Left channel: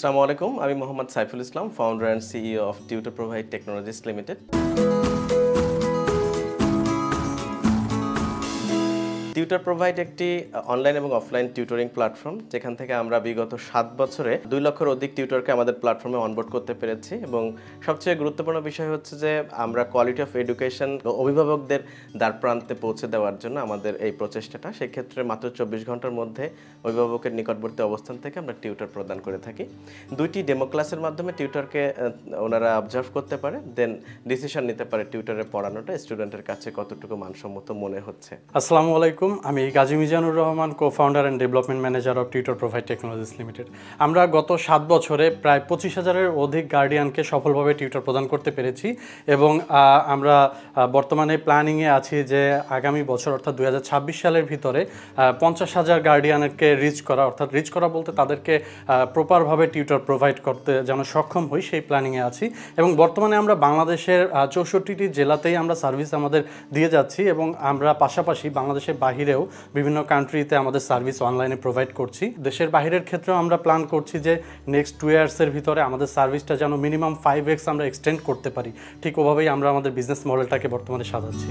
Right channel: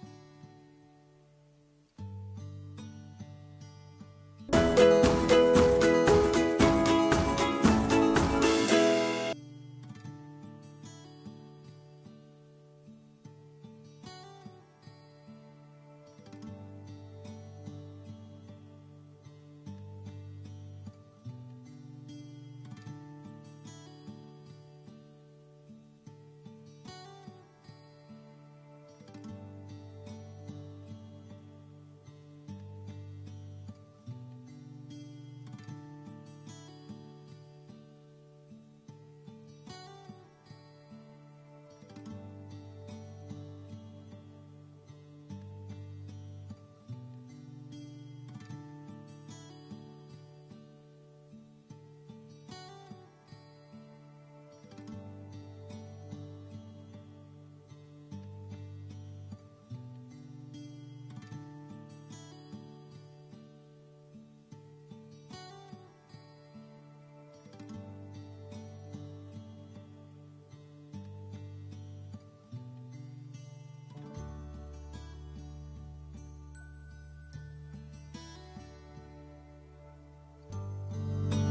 আসসালামু আলাইকুম, আমি Mohammad Saiful Islam, founder and CEO of Tutor Provide Technologies Limited. Tutor Provide একটি অনলাইন এবং অফলাইন টিউটরিং প্ল্যাটফর্ম, যেখান থেকে আমরা বিগত 7 বছরে 2 লক্ষের অধিক টিউটরকে আমাদের প্ল্যাটফর্মে অনবোর্ড করতে পেরেছি। এবং সবচেয়ে গুরুত্বপূর্ণ বিষয় হচ্ছে যে আমরা কোয়ালিটি অফ এডুকেশন অভিভাবকদের দ্বার প্রান্তে পৌঁছে দেওয়ার জন্য আমাদের এই প্রচেষ্টাটা। সেক্ষেত্রে মাত্র 24 ঘন্টার মধ্যে অভিভাবকের নিকটবর্তী অবস্থান থেকে আমরা টিউটর প্রদান করে থাকি। 2টি ডেমো ক্লাসের মাধ্যমে টিউটরকে ওনারা অবজার্ভ করতে পারে, দেন ডিসিশন নিতে পারে টিউটরের পড়ানোটা স্টুডেন্টের কাছে কতটুকু মানসম্মত মনে হচ্ছে। আসসালামু আলাইকুম, আমি Gazi Mizanur Rahman, co-founder and development manager of Tutor Provide Technologies limited. আমরা গত 7 বছরে প্রায় 25,000-এর অধিক গার্ডিয়ানকে সফলভাবে টিউটর প্রদান করতে পেরেছি এবং আমরা বর্তমানে প্ল্যানিংয়ে আছি যে আগামী বছর অর্থাৎ 2026 সালের ভিতরে 50,000 গার্ডিয়ানকে রিচ করা বলতে তাদেরকে প্রপারভাবে টিউটর প্রোভাইড করতে যেন সক্ষম হই, সেই প্ল্যানিংয়ে আছি। এবং বর্তমানে আমরা বাংলাদেশের 64টি জেলাতেই আমরা সার্ভিস আমাদের দিয়ে যাচ্ছি এবং আমরা পাশাপাশি বাংলাদেশের বাহিরেও বিভিন্ন কান্ট্রিতে আমাদের সার্ভিস অনলাইনে প্রোভাইড করছি। দেশের বাহিরের ক্ষেত্রেও আমরা প্ল্যান করছি যে নেক্সট 2 ইয়ার্সের ভিতরে আমাদের সার্ভিসটা যেন মিনিমাম 5x আমরা এক্সটেন্ড করতে পারি। ঠিক ওভাবেই আমরা আমাদের বিজনেস মডেলটাকে বর্তমানে সাজাচ্ছি।